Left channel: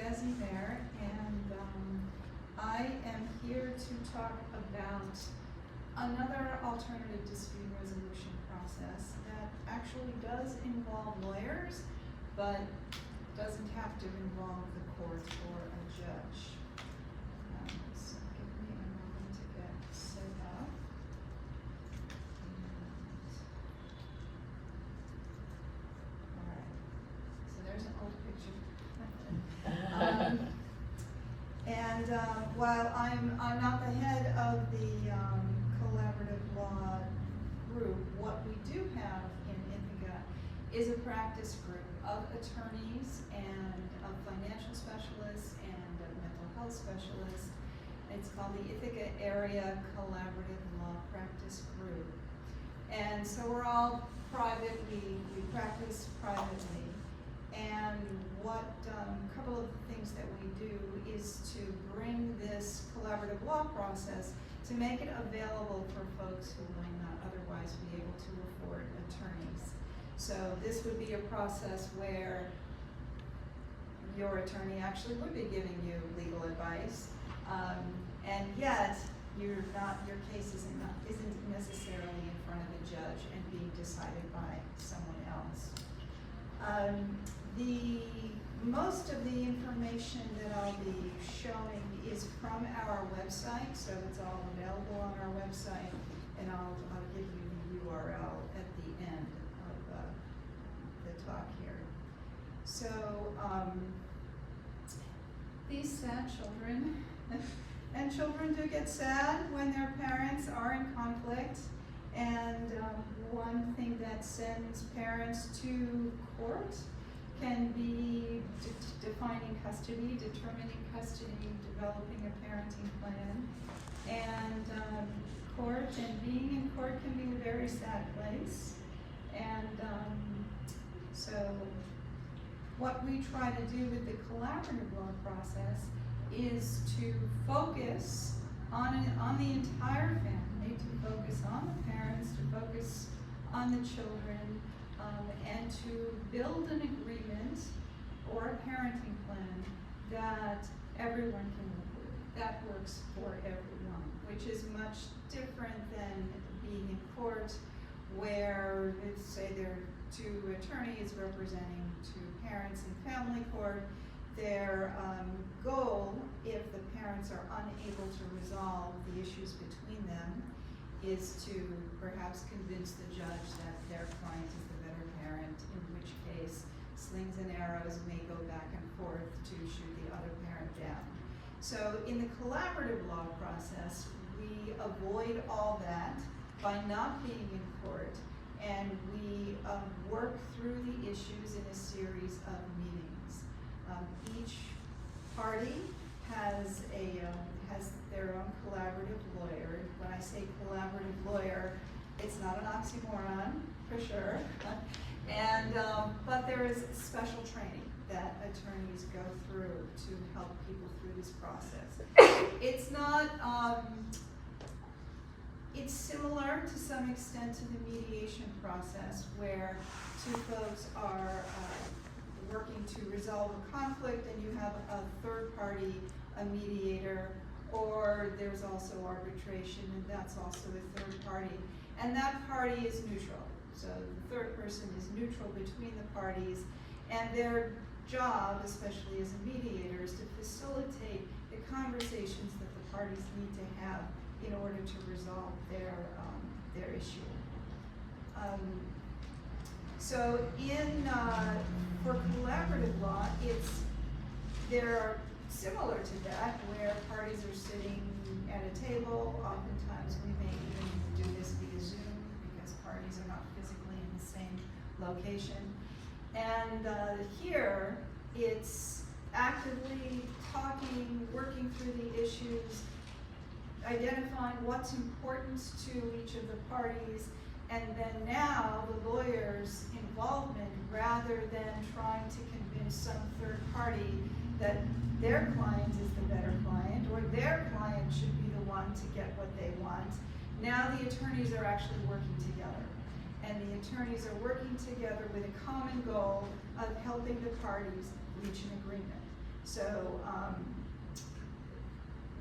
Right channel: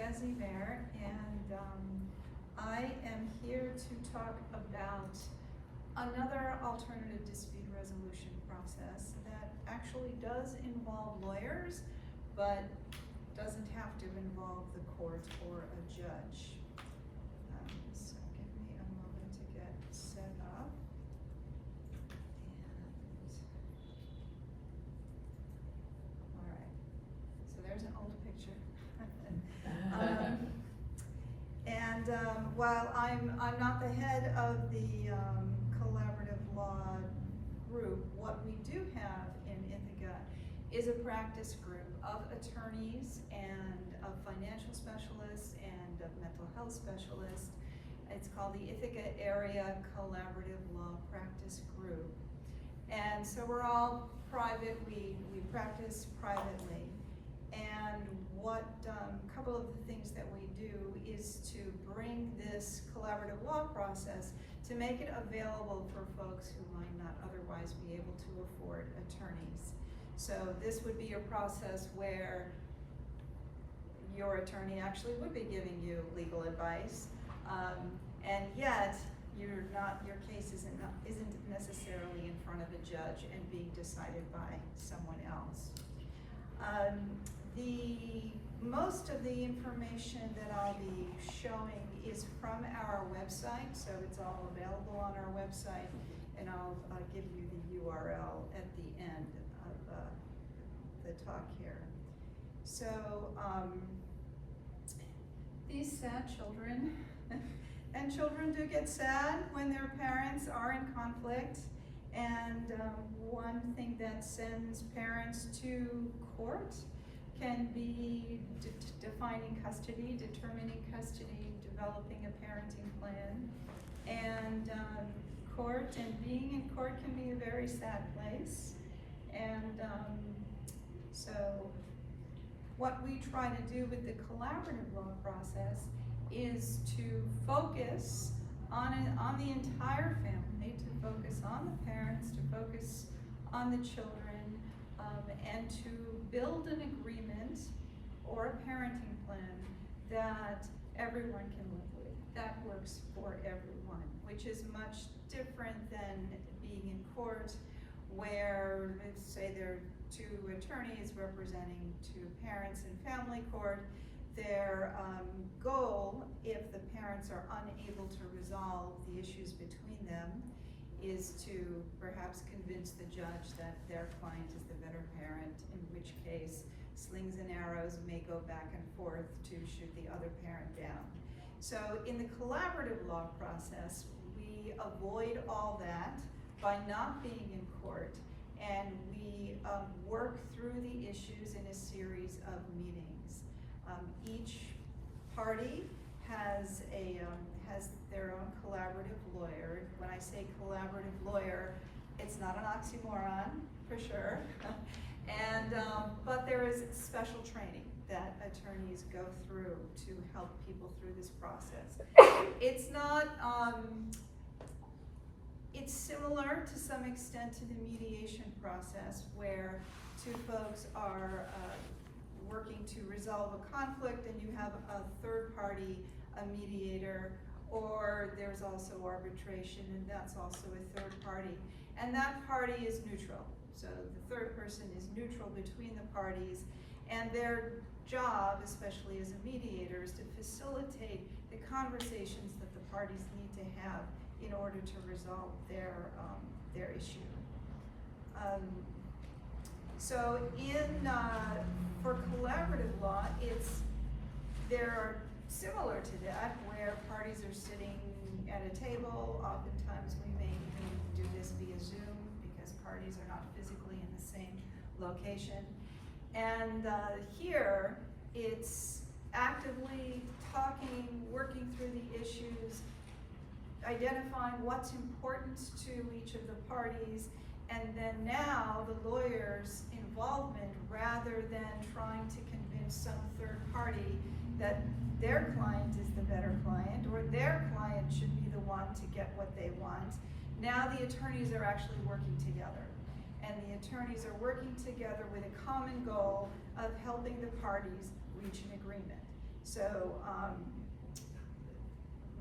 Iska, Ziver, and I am here to talk about another alternative dispute resolution process that actually does involve lawyers, but doesn't have to involve the court or a judge. So give me a moment to get set up. Alright, so there's an old picture. While I'm not the head of the collaborative law group, what we do have in Ithaca is a practice group of attorneys and of financial specialists and of mental health specialists. It's called the Ithaca Area Collaborative Law Practice Group. And so we're all private, we practice privately. And what a couple of the things that we do is to bring this collaborative law process to make it available for folks who might not otherwise be able to afford attorneys. So this would be a process where your attorney actually would be giving you legal advice, and yet your case isn't necessarily in front of a judge and being decided by someone else. Most of the information that I'll be showing is from our website, so it's all available on our website, and I'll give you the URL at the end of the talk here. So these sad children, and children do get sad when their parents are in conflict, and one thing that sends parents to court can be defining custody, determining custody, developing a parenting plan, and court and being in court can be a very sad place. And so what we try to do with the collaborative law process is to focus on the entire family, to focus on the parents, to focus on the children, and to build an agreement or a parenting plan that everyone can live with, that works for everyone, which is much different than being in court where, say there are two attorneys representing two parents in family court. Their goal, if the parents are unable to resolve the issues between them, is to perhaps convince the judge that their client is the better parent, in which case slings and arrows may go back and forth to shoot the other parent down. So in the collaborative law process, we avoid all that by not being in court, and we work through the issues in a series of meetings. Each party has their own collaborative lawyer. When I say collaborative lawyer, it's not an oxymoron, for sure. And but there is special training that attorneys go through to help people through this process. It's not, it's similar to some extent to the mediation process, where two folks are working to resolve a conflict and you have a third party, a mediator, or there's also arbitration, and that's also a third party. And that party is neutral. So the third person is neutral between the parties, and their job, especially as a mediator, is to facilitate the conversations that the parties need to have in order to resolve their issue. So for collaborative law, there are similar to that, where parties are sitting at a table. Oftentimes we may even do this via Zoom because parties are not physically in the same location. And here it's actively talking, working through the issues, identifying what's important to each of the parties, and then now the lawyer's involvement, rather than trying to convince some third party that their client is the better client, or their client should be the one to get what they want. Now the attorneys are actually working together. And the attorneys are working together with a common goal of helping the parties reach an agreement. So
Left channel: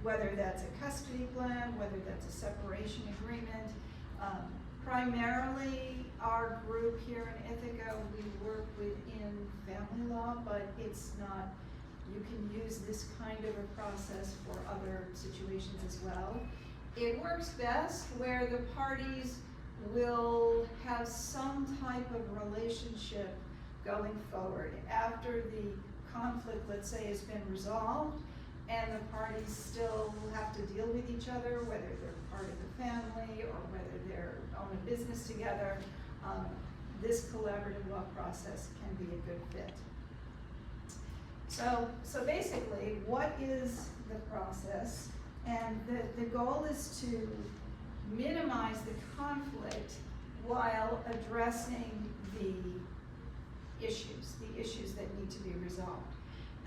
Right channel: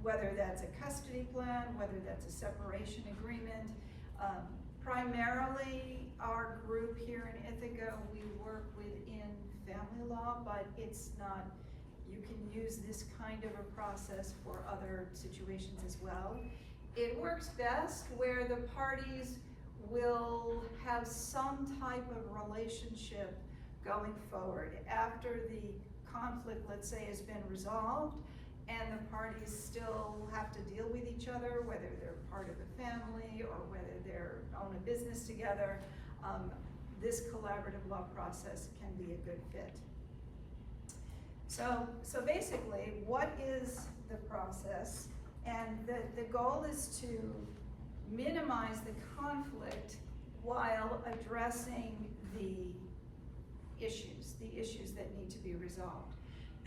whether that's a custody plan, whether that's a separation agreement, primarily our group here in Ithaca, we work within family law, but it's not, you can use this kind of a process for other situations as well. It works best where the parties will have some type of relationship going forward. After the conflict, let's say, has been resolved, and the parties still have to deal with each other, whether they're part of the family or whether they're own a business together, this collaborative law process can be a good fit. So basically, what is the process? And the goal is to minimize the conflict while addressing the issues that need to be resolved.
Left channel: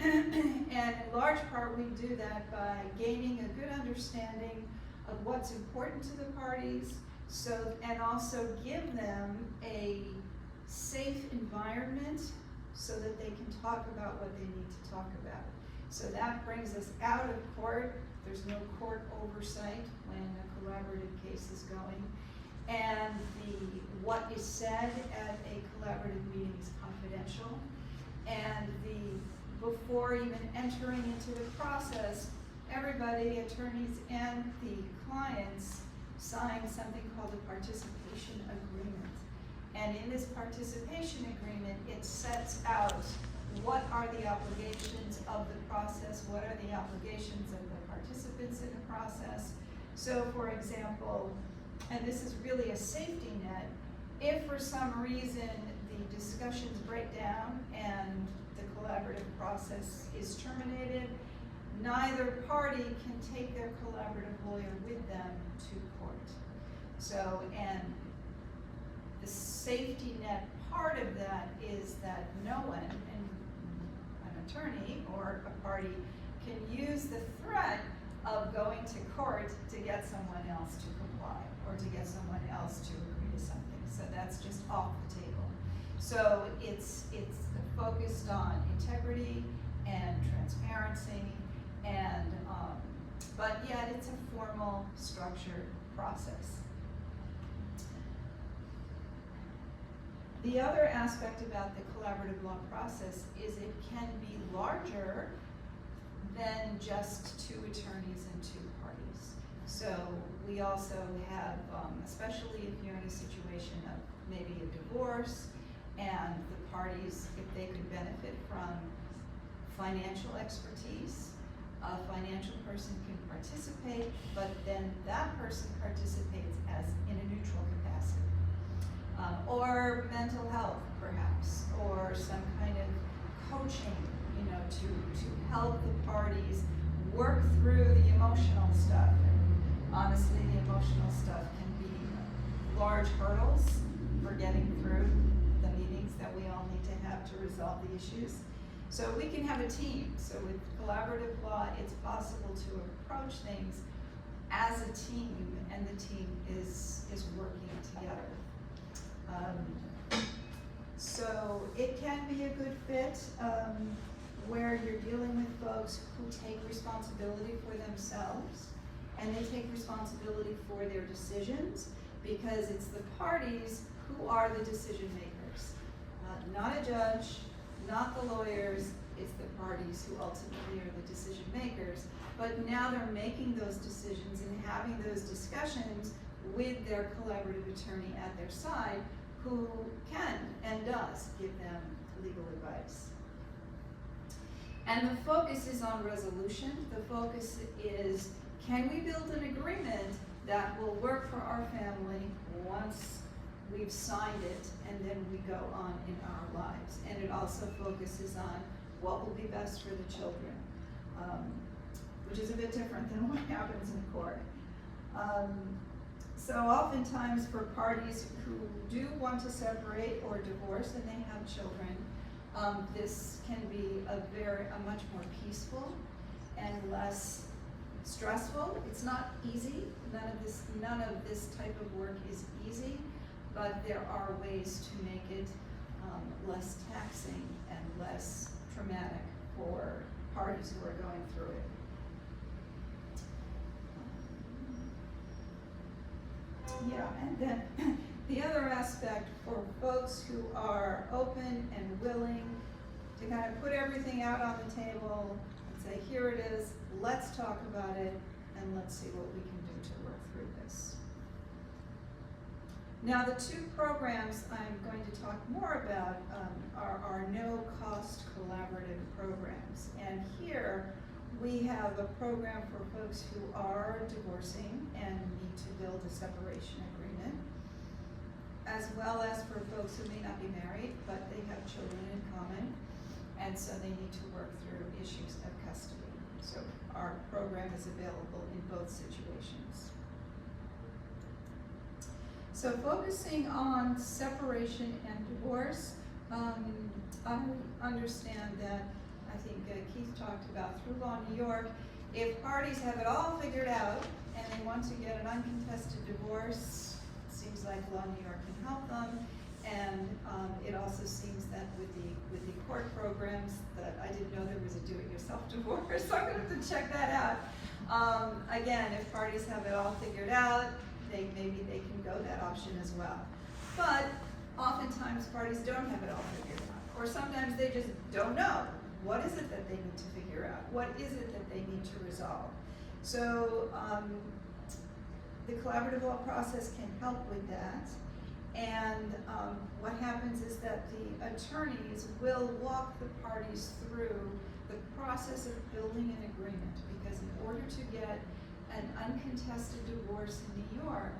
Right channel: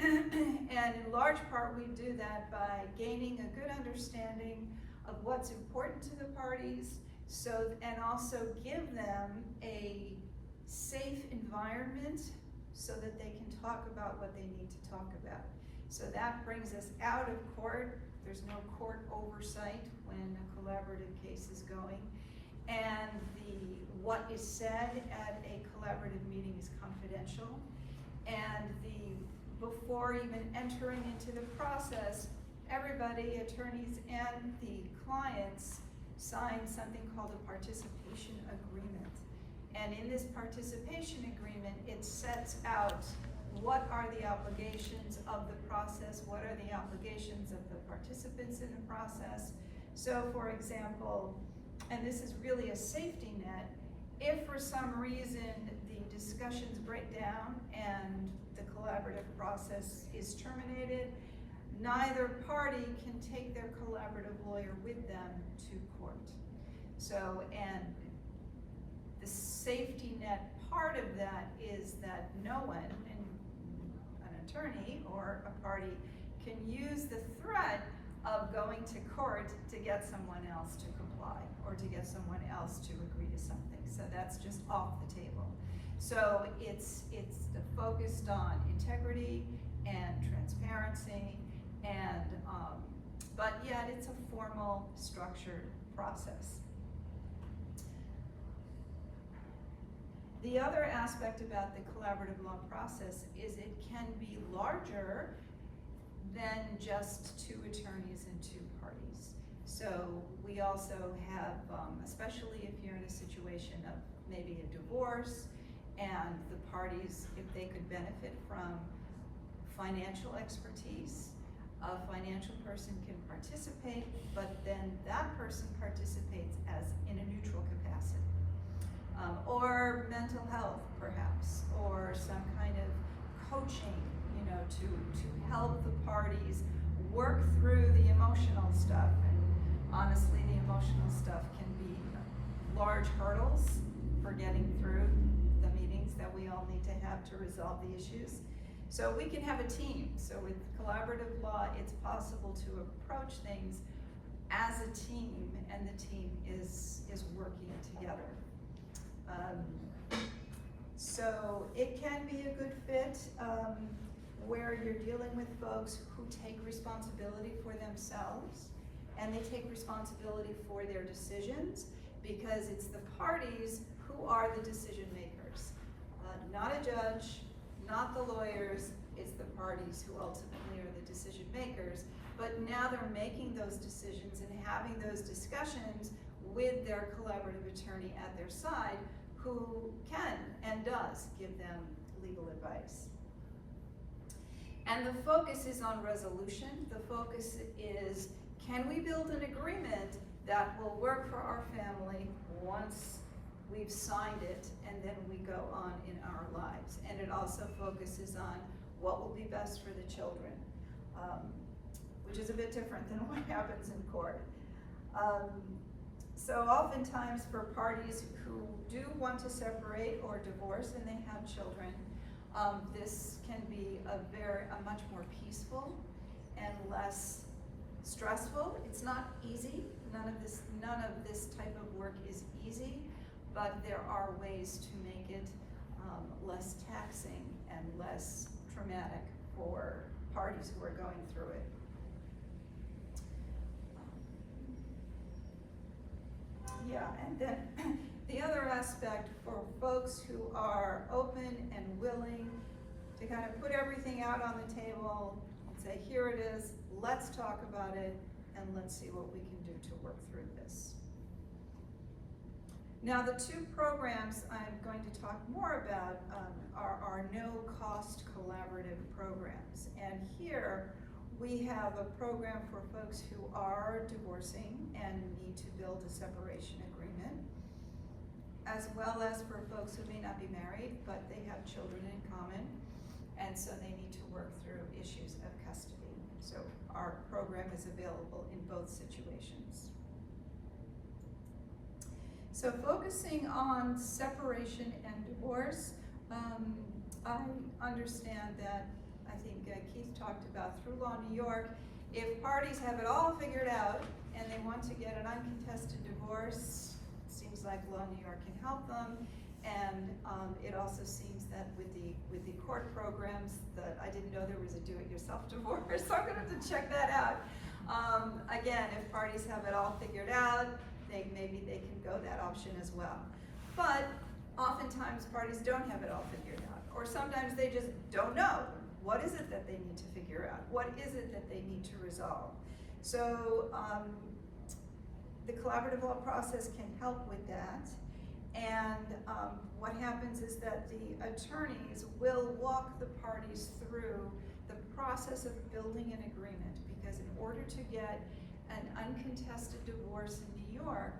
And in large part, we do that by gaining a good understanding of what's important to the parties, and also give them a safe environment so that they can talk about what they need to talk about. So that brings us out of court. There's no court oversight when a collaborative case is going. And what is said at a collaborative meeting is confidential. And before even entering into the process, everybody, attorneys and the clients, sign something called a participation agreement. And in this participation agreement, it sets out what are the obligations of the process, what are the obligations of the participants in the process. So for example, and this is really a safety net, if for some reason the discussions break down and the collaborative process is terminated, neither party can take their collaborative lawyer with them to court. So, and the safety net part of that is that no one, and an attorney or a party, can use the threat of going to court to get someone else to comply or to get someone else to agree to something. So that's just off the table. So it's focused on integrity and transparency, and but yet it's a formal, structured process. The other aspect about the collaborative law process is it can be larger than just two attorneys and two parties. So we also have, especially if you're in a situation of maybe a divorce, and the parties, if they could benefit from financial expertise, a financial person can participate, but then that person participates as in a neutral capacity. Or mental health, perhaps, or some kind of coaching, to help the parties work through the emotional stuff. And honestly, the emotional stuff can be large hurdles for getting through the meetings that we all need to have to resolve the issues. So we can have a team. So with collaborative law, it's possible to approach things as a team, and the team is working together. So it can be a good fit where you're dealing with folks who take responsibility for themselves, and they take responsibility for their decisions, because it's the parties who are the decision makers. Not a judge, not the lawyers, it's the parties who ultimately are the decision makers. But now they're making those decisions and having those discussions with their collaborative attorney at their side, who can and does give them legal advice. And the focus is on resolution. The focus is, can we build an agreement that will work for our family once we've signed it and then we go on in our lives? And it also focuses on what will be best for the children, which is a bit different than what happens in court. So oftentimes for parties who do want to separate or divorce and they have children, this can be a much more peaceful and less stressful. It's not easy. None of this type of work is easy, but there are ways to make it less taxing and less traumatic for parties who are going through it. Yeah, and then the other aspect for folks who are open and willing to kind of put everything out on the table and say, here it is, let's talk about it, and let's see what we can do to work through this. Now, the two programs I'm going to talk more about are no-cost collaborative programs. And here, we have a program for folks who are divorcing and need to build a separation agreement, as well as for folks who may not be married, but they have children in common, and so they need to work through issues of custody. So our program is available in both situations. So focusing on separation and divorce, I understand that, I think Keith talked about through Law New York, if parties have it all figured out and they want to get an uncontested divorce, it seems like Law New York can help them. And it also seems that with the court programs, that I didn't know there was a do-it-yourself divorce, so I'm gonna have to check that out. Again, if parties have it all figured out, maybe they can go that option as well. But oftentimes parties don't have it all figured out, or sometimes they just don't know. What is it that they need to figure out? What is it that they need to resolve? So the collaborative law process can help with that. And what happens is that the attorneys will walk the parties through the process of building an agreement, because in order to get an uncontested divorce in New York,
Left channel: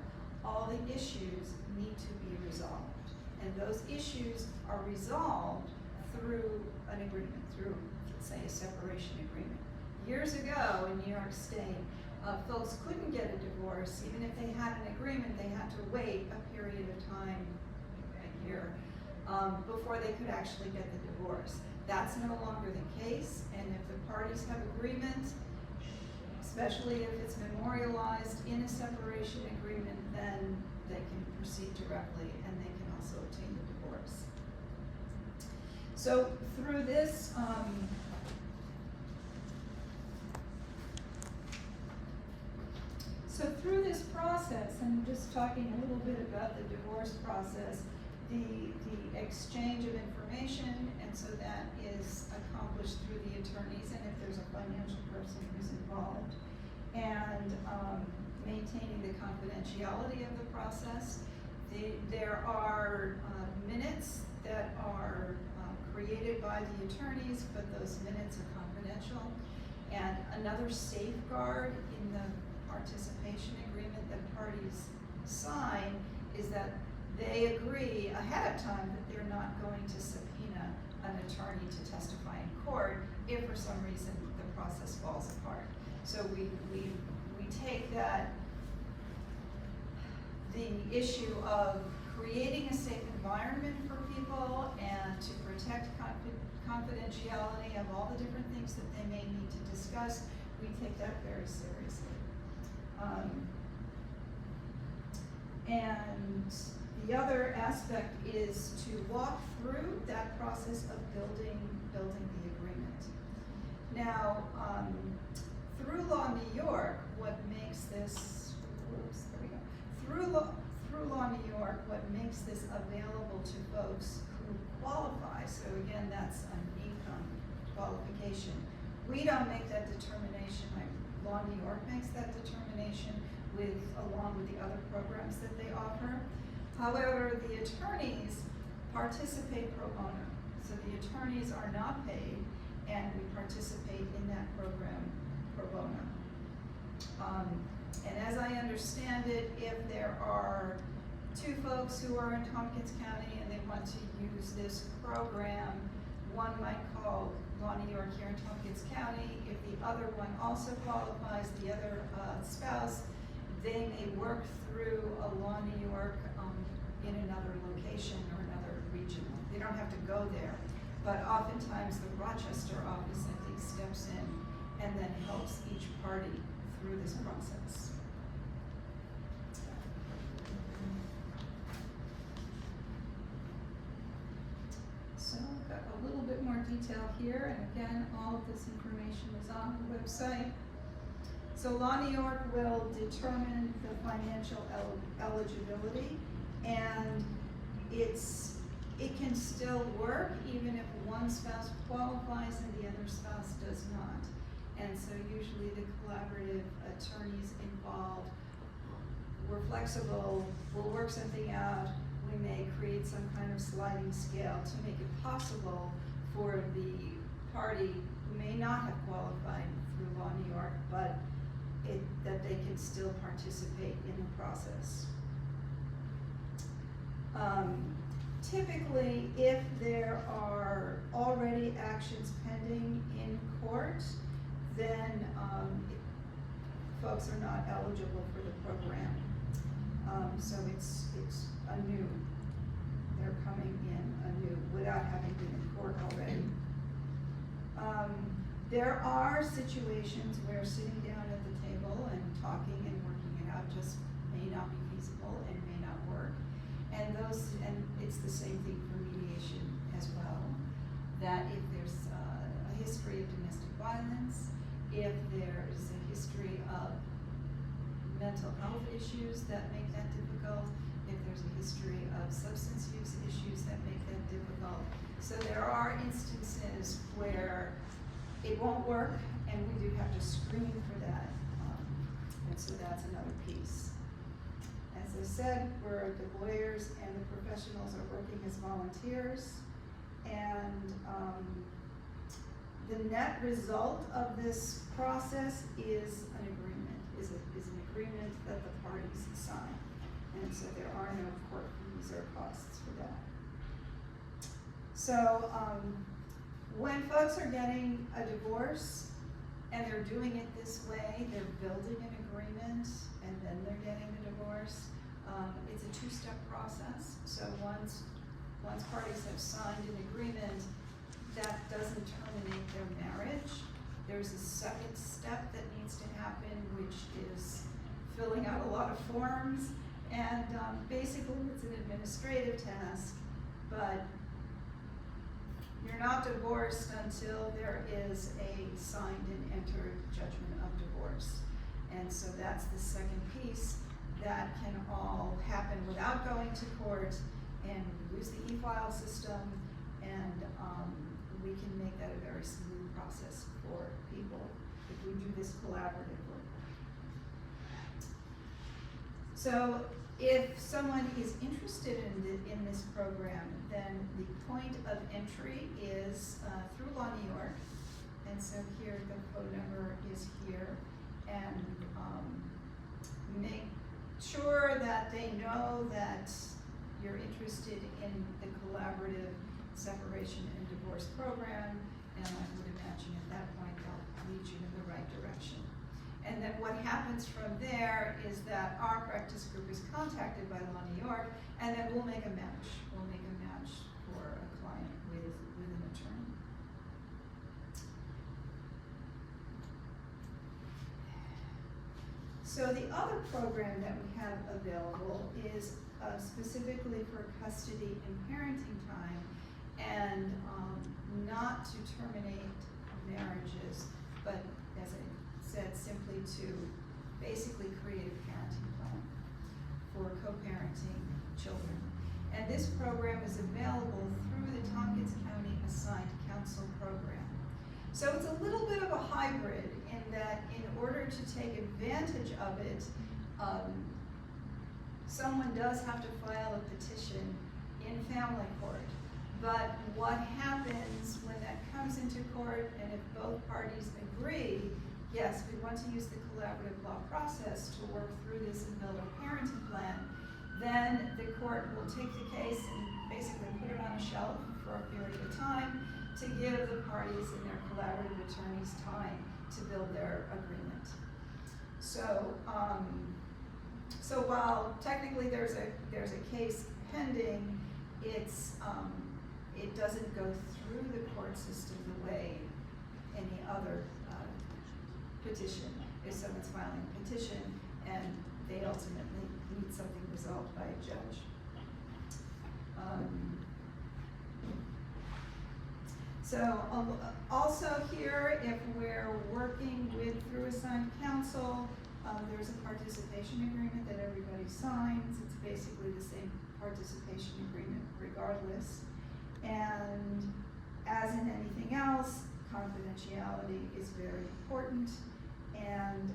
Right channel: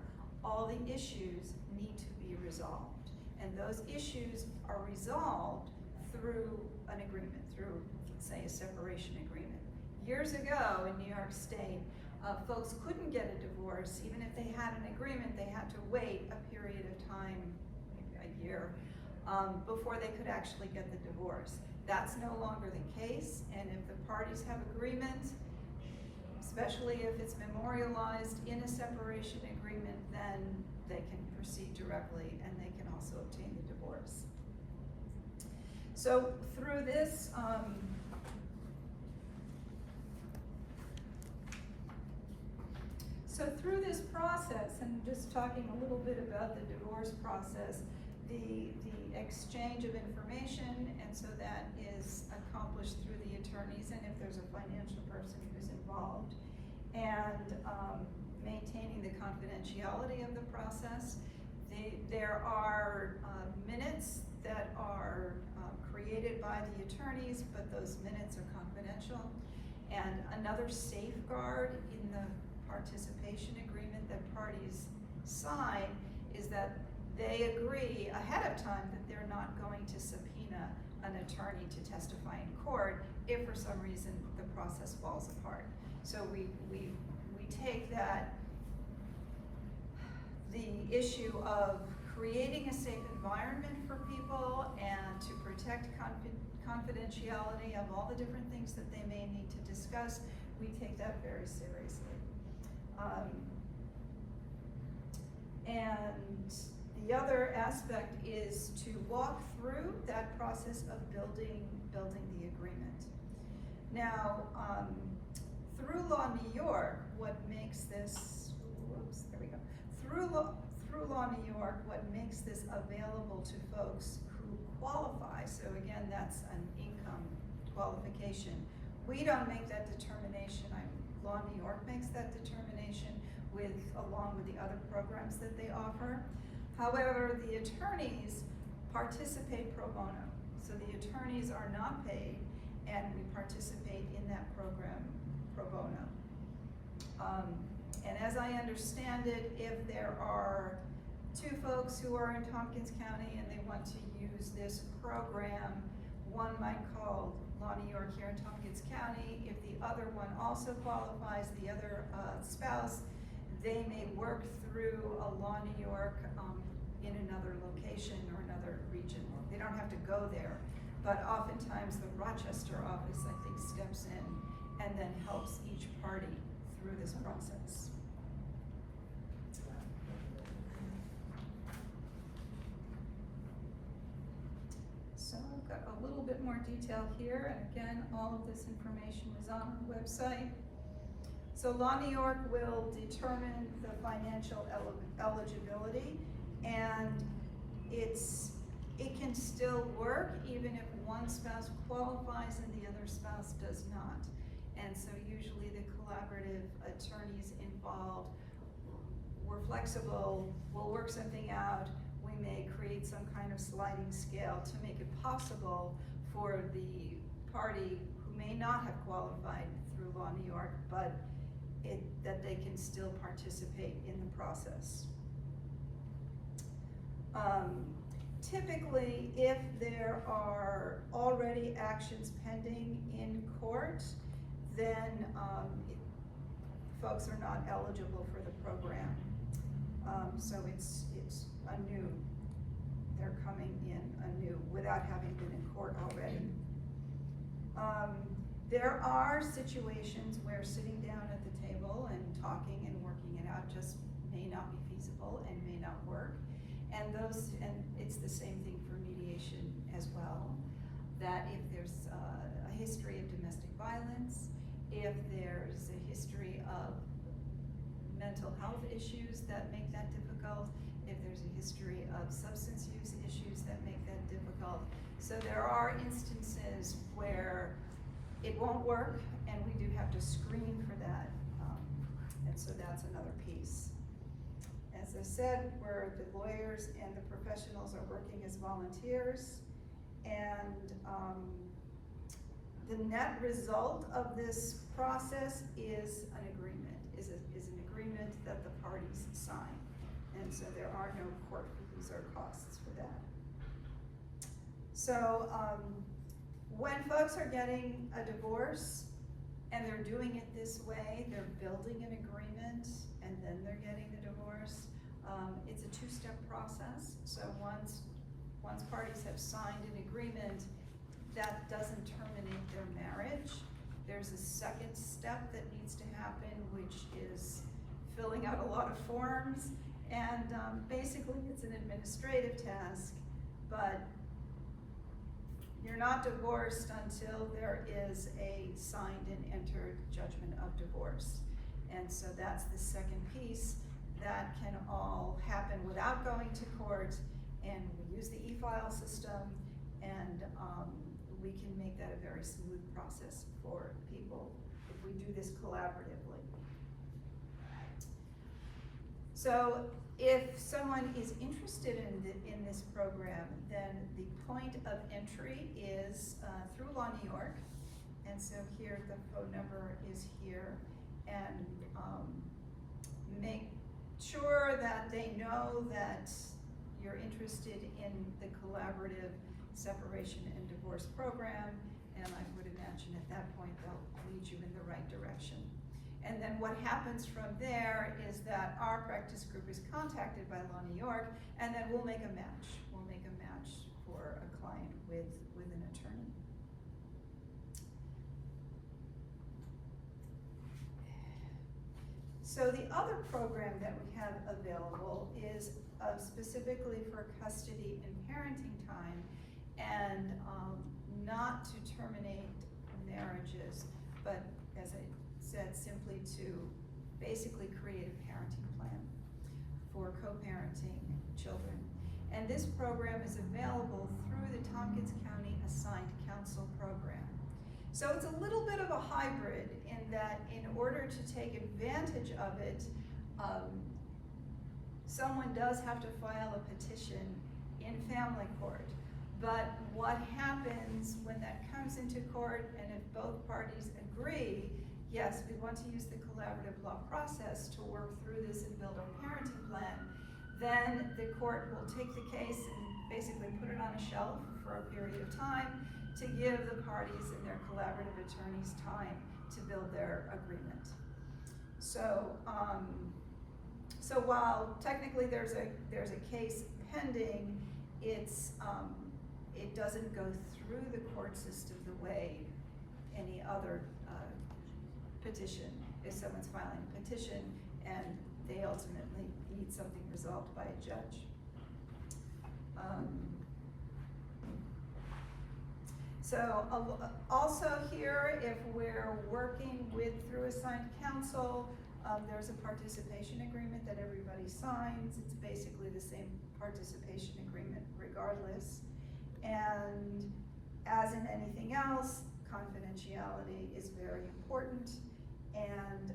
all the issues need to be resolved. And those issues are resolved through an agreement, through, say, a separation agreement. Years ago in New York State, folks couldn't get a divorce. Even if they had an agreement, they had to wait a period of time, a year, before they could actually get the divorce. That's no longer the case, and if the parties have agreement, especially if it's memorialized in a separation agreement, then they can proceed directly and they can also obtain the divorce. So through this, process, and just talking a little bit about the divorce process, the exchange of information, and so that is accomplished through the attorneys, and if there's a financial person who's involved, and maintaining the confidentiality of the process. There are minutes that are created by the attorneys, but those minutes are confidential. And another safeguard in the participation agreement that parties sign is that they agree ahead of time that they're not going to subpoena an attorney to testify in court if for some reason the process falls apart. So we take that, the issue of creating a safe environment for people and to protect confidentiality of all the different things that they may need to discuss, we take that very seriously. And the other aspect is to walk through that process of building the agreement. Now, through Law New York, what makes this, through Law New York, what makes this available to folks who qualify, so again, that's an income qualification. We don't make that determination. Law New York makes that determination along with the other programs that they offer. However, the attorneys participate pro bono. So the attorneys are not paid, and we participate in that program pro bono. And as I understand it, if there are two folks who are in Tompkins County and they want to use this program, one might call Law New York here in Tompkins County. If the other one also qualifies, the other spouse, they may work through a Law New York in another location or another region. They don't have to go there, but oftentimes the Rochester office, I think, steps in and then helps each party through this process. So I've got a little bit more detail here, and again, all of this information is on the website. So Law New York will determine the financial eligibility, and it can still work even if one spouse qualifies and the other spouse does not. And so usually the collaborative attorneys involved, we're flexible, we'll work something out, we may create some kind of sliding scale to make it possible for the party who may not have qualified through Law New York, but that they can still participate in the process. Typically, if there are already actions pending in court, then folks are not eligible for the program. So it's anew. They're coming in anew without having been in court already. There are situations where sitting down at the table and talking and working it out just may not be feasible and may not work. And it's the same thing for mediation as well, that if there's a history of domestic violence, if there's a history of mental health issues that make that difficult, if there's a history of substance use issues that make that difficult. So there are instances where it won't work, and we do have to screen for that. And so that's another piece. As I said, the lawyers and the professionals are working as volunteers, and the net result of this process is an agreement, is an agreement that the parties sign. And so there are no court fees or costs for that. So when folks are getting a divorce and they're doing it this way, they're building an agreement and then they're getting the divorce. It's a two-step process. So once parties have signed an agreement, that doesn't terminate their marriage. There's a second step that needs to happen, which is filling out a lot of forms, and basically it's an administrative task, but you're not divorced until there is a signed and entered judgment of divorce. And so that's the second piece that can all happen without going to court, and we use the e-file system, and we can make that a very smooth process for people if we do this collaboratively. So if someone is interested in this program, then the point of entry is through Law New York. And so here the phone number is here, and make sure that they know that you're interested in the collaborative separation and divorce program, and I would imagine at that point they'll lead you in the right direction. And then what happens from there is that our practice group is contacted by Law New York, and then we'll make a match. We'll make a match for a client with an attorney. So the other program that we have available is specifically for custody and parenting time, and not to terminate marriages, but as I said, simply to basically create a parenting plan for co-parenting children. And this program is available through the Tompkins County Assigned Counsel program. So it's a little bit of a hybrid in that in order to take advantage of it, someone does have to file a petition in family court. But what happens when that comes into court, and if both parties agree, yes, we want to use the collaborative law process to work through this and build a parenting plan, then the court will take the case and basically put it on a shelf for a period of time to give the parties and their collaborative attorneys time to build their agreement. So while technically there's a case pending, it doesn't go through the court system the way any other petition. If someone's filing a petition and they ultimately need something resolved by a judge. Also here, if we're working through assigned counsel, there's a participation agreement that everybody signs. It's basically the same participation agreement regardless. And as in anything else, confidentiality is very important. And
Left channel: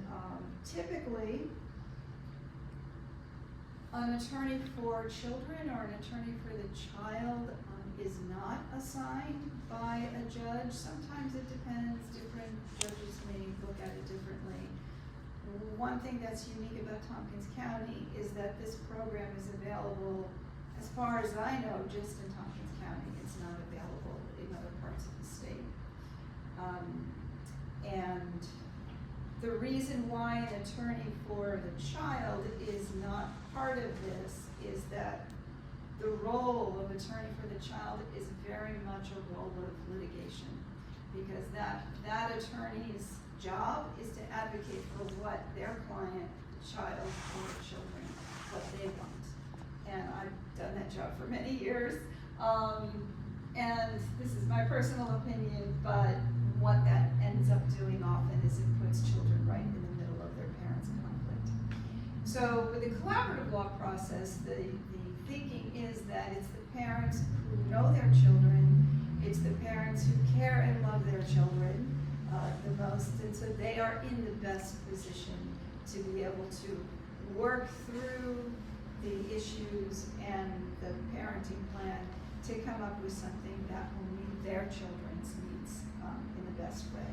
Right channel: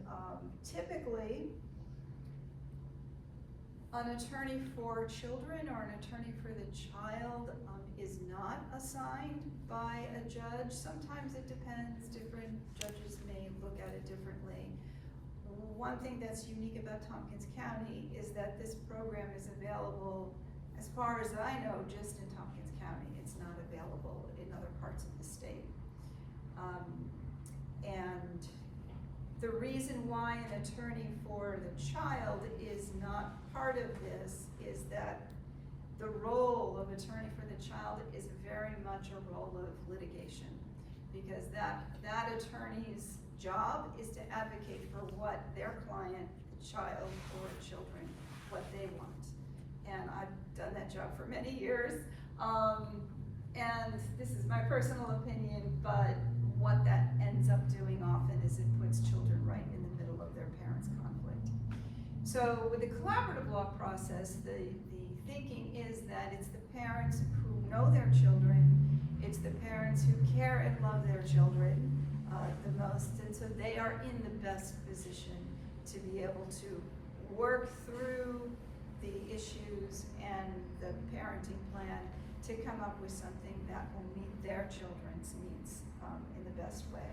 typically, an attorney for children or an attorney for the child is not assigned by a judge. Sometimes it depends. Different judges may look at it differently. One thing that's unique about Tompkins County is that this program is available, as far as I know, just in Tompkins County. It's not available in other parts of the state. And the reason why an attorney for the child is not part of this is that the role of attorney for the child is very much a role of litigation, because that attorney's job is to advocate for what their client, child, or children, what they want. And I've done that job for many years. And this is my personal opinion, but what that ends up doing often is it puts children right in the middle of their parents' conflict. So with the collaborative law process, the thinking is that it's the parents who know their children, it's the parents who care and love their children the most, and so they are in the best position to be able to work through the issues and the parenting plan to come up with something that will meet their children's needs in the best way.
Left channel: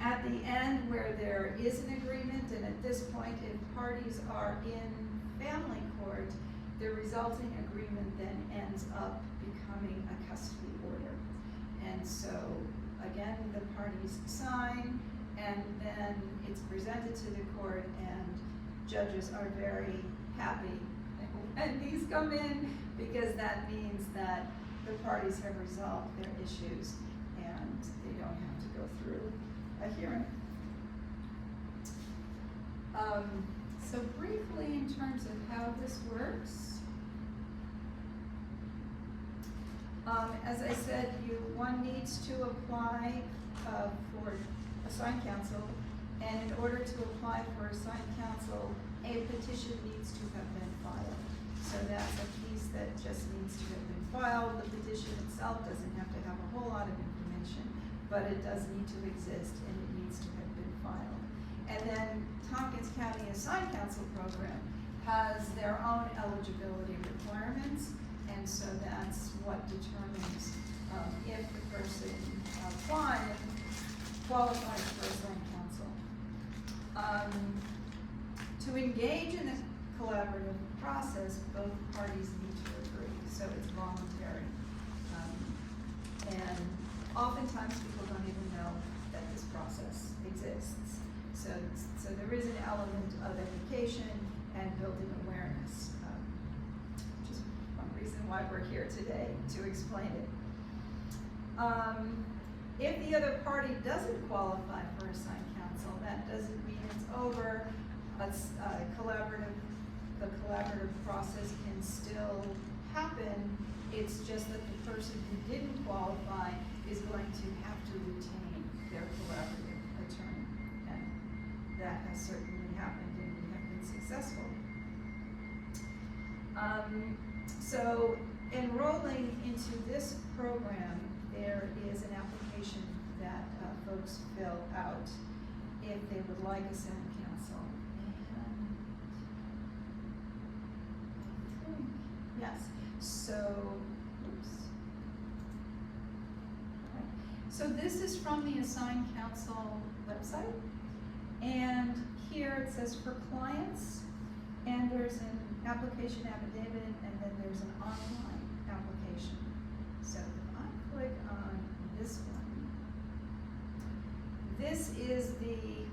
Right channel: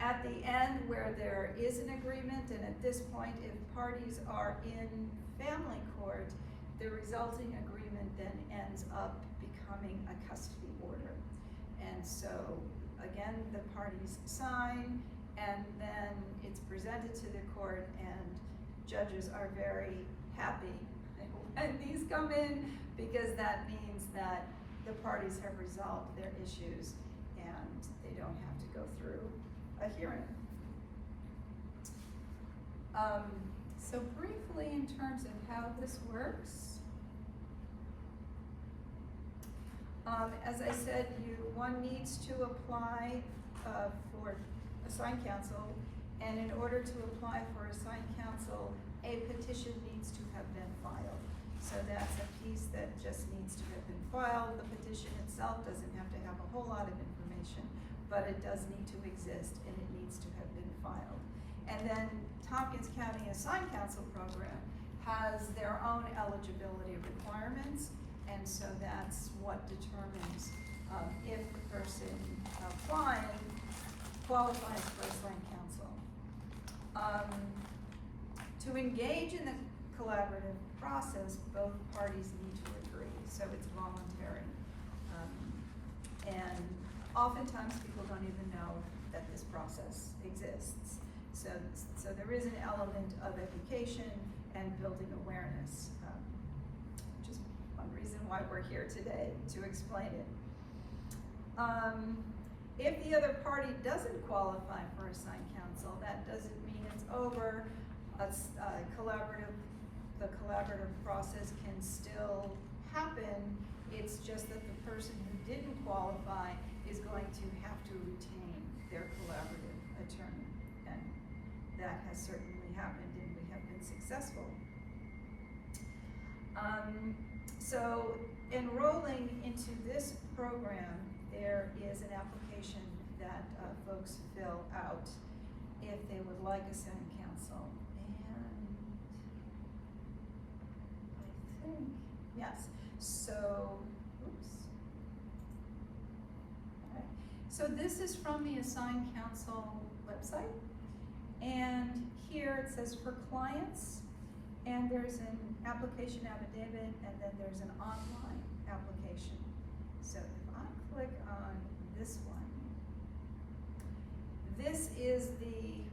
At the end, where there is an agreement, and at this point, if parties are in family court, the resulting agreement then ends up becoming a custody order. And so, again, the parties sign, and then it's presented to the court, and judges are very happy when these come in, because that means that the parties have resolved their issues and they don't have to go through a hearing. So briefly, in terms of how this works, as I said, one needs to apply for assigned counsel, and in order to apply for assigned counsel, a petition needs to have been filed. So that's a piece that just needs to have been filed. The petition itself doesn't have to have a whole lot of information, but it does need to exist, and it needs to have been filed. And then Tompkins County Assigned Counsel Program has their own eligibility requirements, and so that's what determines if the person qualifies for assigned counsel. To engage in the collaborative process, both parties need to agree, so it's voluntary. And oftentimes people don't even know that this process exists. So there is an element of education and building awareness, which is one reason why we're here today, to explain it. If the other party doesn't qualify for assigned counsel, that doesn't mean it's over. The collaborative process can still happen. It's just that the person who didn't qualify is going to have to retain their collaborative attorney. And that has certainly happened, and we have been successful. So enrolling into this program, there is an application that folks fill out if they would like assigned counsel. And yes, so, oops. Right. So this is from the assigned counsel website, and here it says for clients, and there's an application affidavit, and then there's an online application. So if I click on this one, this is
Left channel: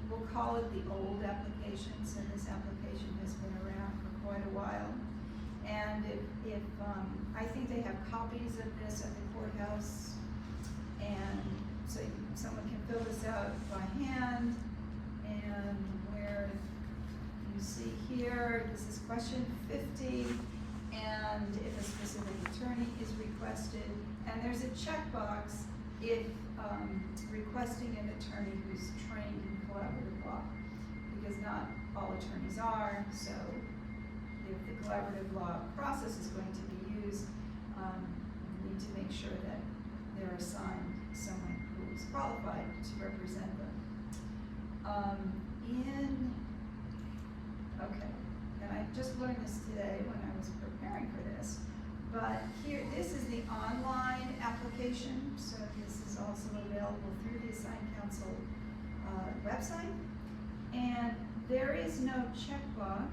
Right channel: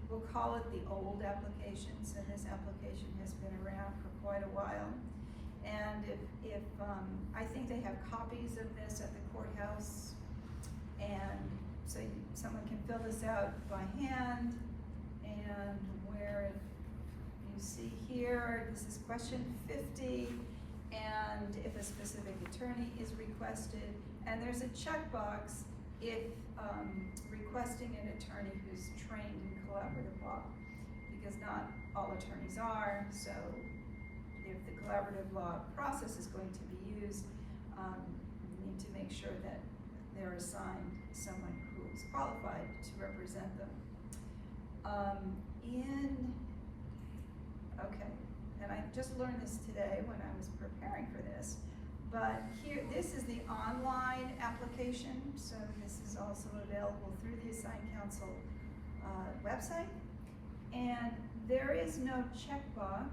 we'll call it the old application, so this application has been around for quite a while. And if I think they have copies of this at the courthouse, and so someone can fill this out by hand, and where you see here, this is question 50, and if a specific attorney is requested, and there's a checkbox if requesting an attorney who's trained in collaborative law, because not all attorneys are, so if the collaborative law process is going to be used, we need to make sure that they're assigned someone who is qualified to represent them. Okay, and I just learned this today when I was preparing for this, but here, this is the online application, so this is also available through the Assigned Counsel website, and there is no checkbox.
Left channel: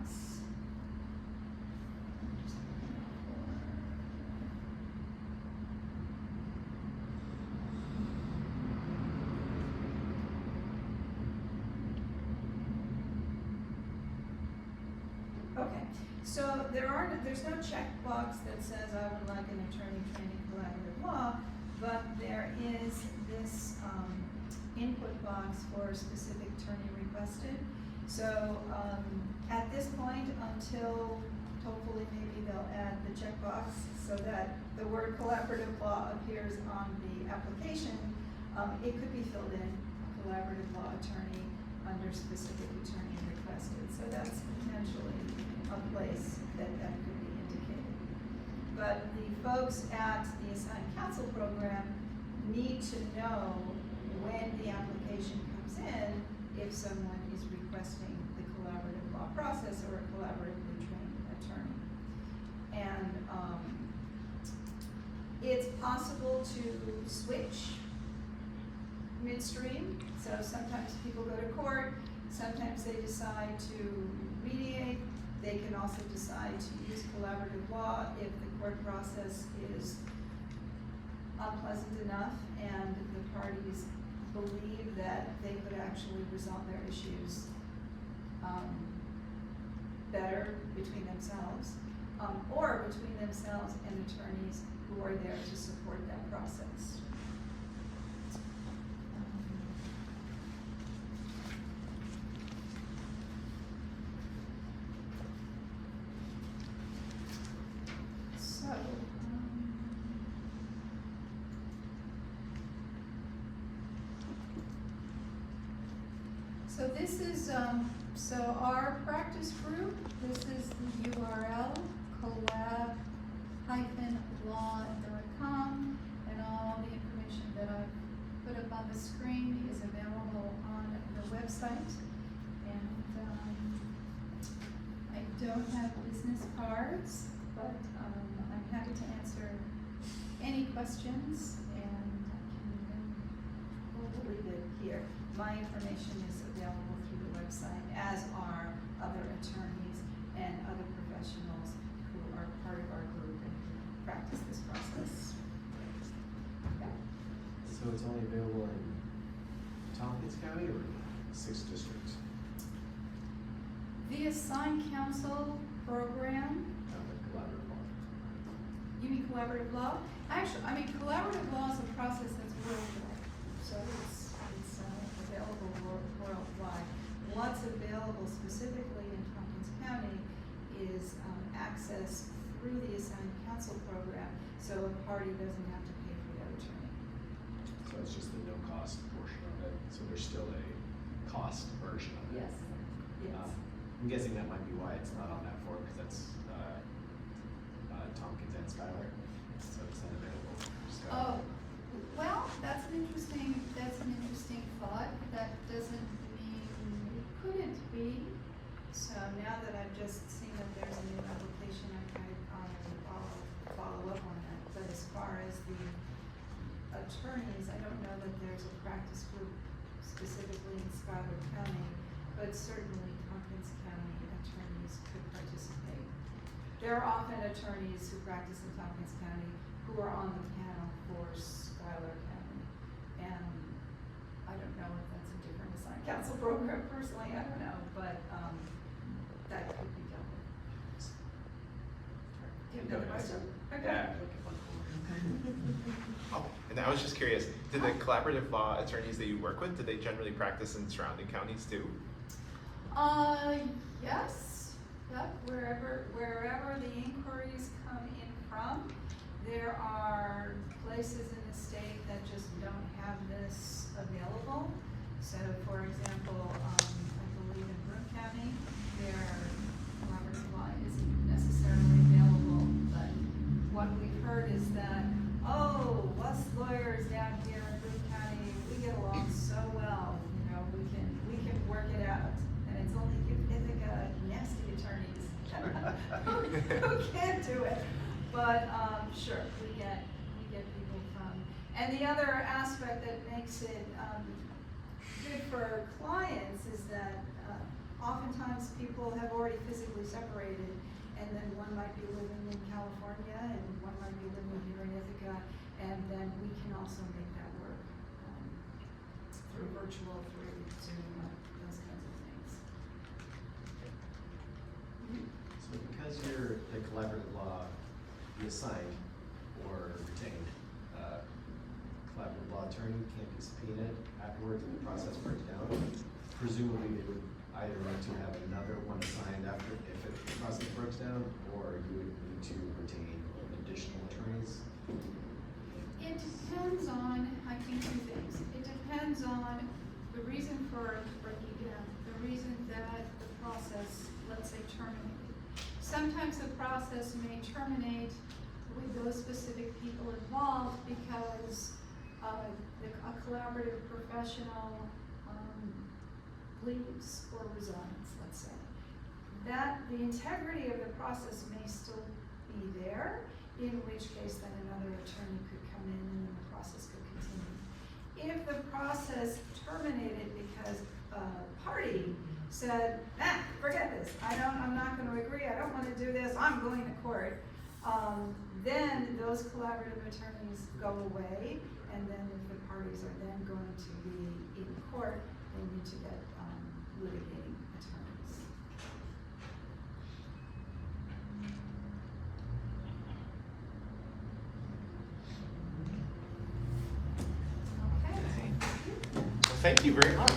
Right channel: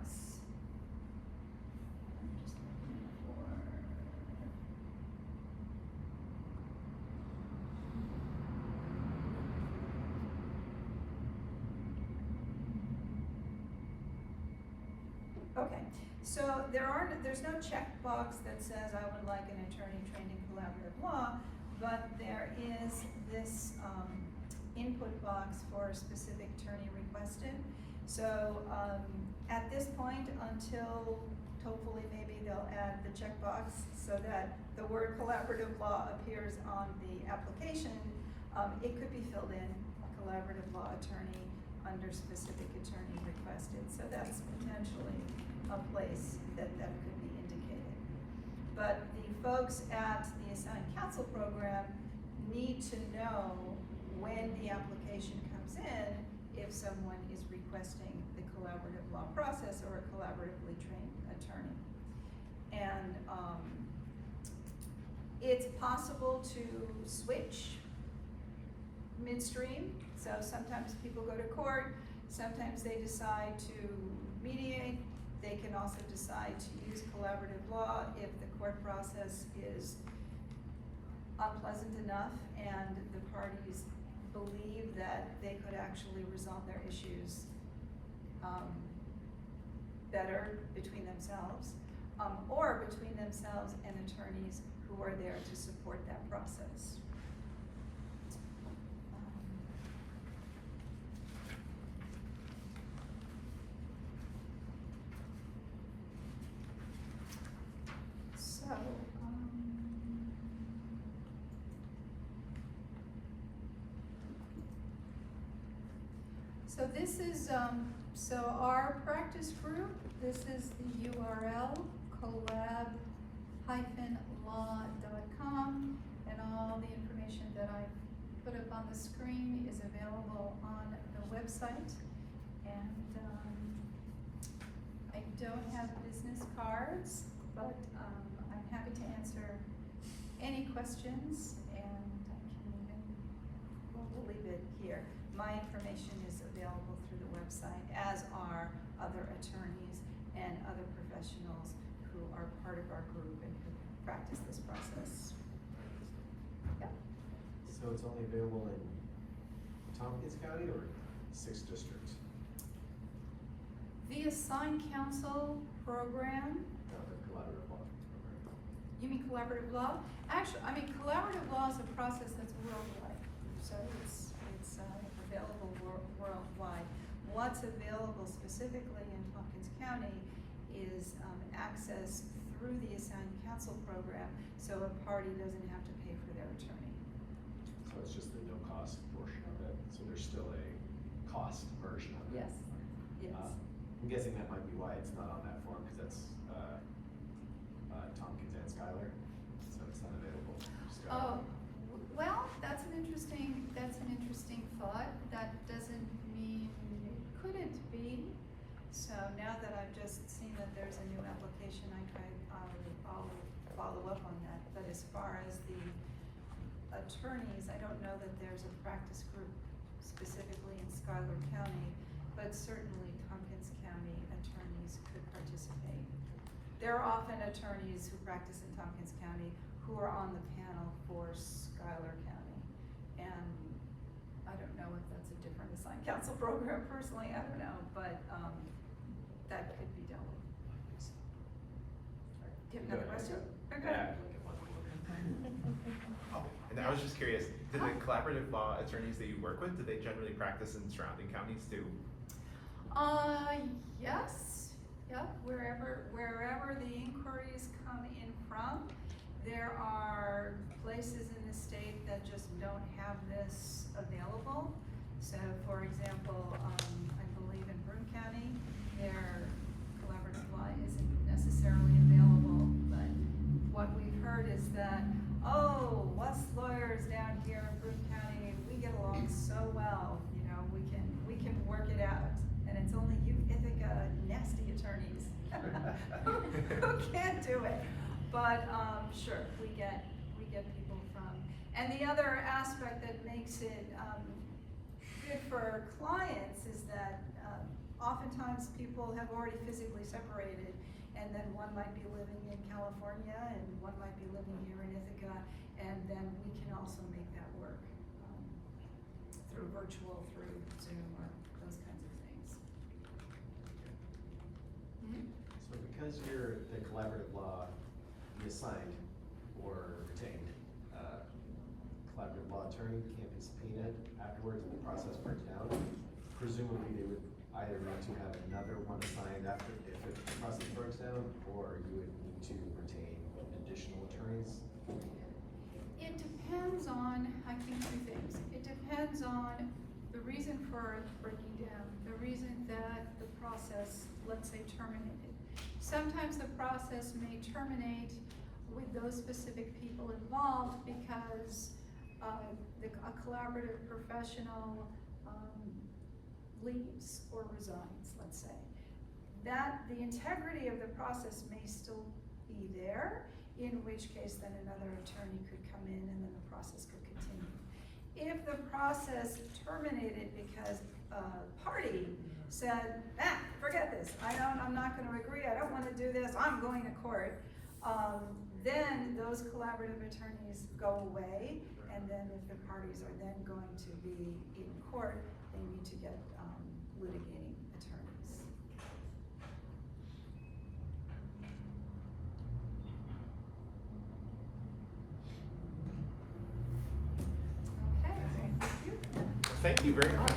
Okay, so there's no checkbox that says I would like an attorney trained in collaborative law, but there is this input box for a specific attorney requested. So at this point, until hopefully maybe they'll add the checkbox so that the word collaborative law appears on the application, it could be filled in, collaborative law attorney under specific attorney requested. So that's potentially a place that could be indicated. But the folks at the Assigned Counsel program need to know when the application comes in if someone is requesting the collaborative law process or a collaboratively trained attorney. And it's possible to switch midstream. So sometimes people go to court, sometimes they decide to mediate. They can also decide to use collaborative law if the court process is unpleasant enough and the parties believe that they could actually resolve their issues better between themselves, or between themselves and attorneys who are there to support that process. So this is, so our practice group, this is the URL, collab-law.com, and all the information that I've put up on the screen is available on the website. And I don't have business cards, but I'm happy to answer any questions, and we'll leave it here. My information is available through the website, as are other attorneys and other professionals who are part of our group and who practice this process. Yeah. So it's only available in Tompkins County or 6 districts? The Assigned Counsel program. The collaborative law. You mean collaborative law? Actually, I mean collaborative law is a process that's worldwide, so it's available worldwide. What's available specifically in Tompkins County is access through the Assigned Counsel program, so a party doesn't have to pay for their attorney. So it's just the no-cost portion of it. So there's still a cost version of it. Yes. Yes. I'm guessing that might be why it's not on that form, because that's Tompkins and Schuyler, so it's not available for Schuyler. Oh, well, that's an interesting thought. That doesn't mean it couldn't be. So now that I've just seen that there's a new application, I'll follow up on that. But as far as the attorneys, I don't know that there's a practice group specifically in Schuyler County, but certainly Tompkins County attorneys could participate. There are often attorneys who practice in Tompkins County who are on the panel for Schuyler County. And I don't know if that's a different Assigned Counsel program personally, I don't know, but that could be dealt with. Do you have another question? Okay. Yeah, I'm looking for Oh, and I was just curious, do the collaborative law attorneys that you work with, do they generally practice in surrounding counties too? Yes. Yep, wherever the inquiries come in from, there are places in the state that just don't have this available. So for example, I believe in Broome County, their collaborative law isn't necessarily available, but what we've heard is that, oh, us lawyers down here in Broome County, we get along so well, you know, we can work it out. And it's only you Ithaca nasty attorneys who can't do it. But, sure, we get people from, and the other aspect that makes it, good for clients is that, oftentimes people have already physically separated, and then one might be living in California, and one might be living here in Ithaca, and then we can also make that work, through virtual, through Zoom, those kinds of things. So because you're the collaborative law, be assigned or retained, collaborative law attorney can't be subpoenaed afterwards and the process breaks down. Presumably they would either need to have another one assigned after, if the process breaks down, or you would need to retain additional attorneys. It depends on, I think, two things. It depends on the reason for breaking down, the reason that the process, let's say, terminated. Sometimes the process may terminate with those specific people involved because a collaborative professional leaves or resigns, let's say. That the integrity of the process may still be there, in which case then another attorney could come in and then the process could continue. If the process terminated because a party said, forget this, I'm not gonna agree, I don't wanna do this, I'm going to court, then those collaborative attorneys go away, and then if the parties are then going to be in court, they need to get litigating attorneys. Okay. Thank you very much.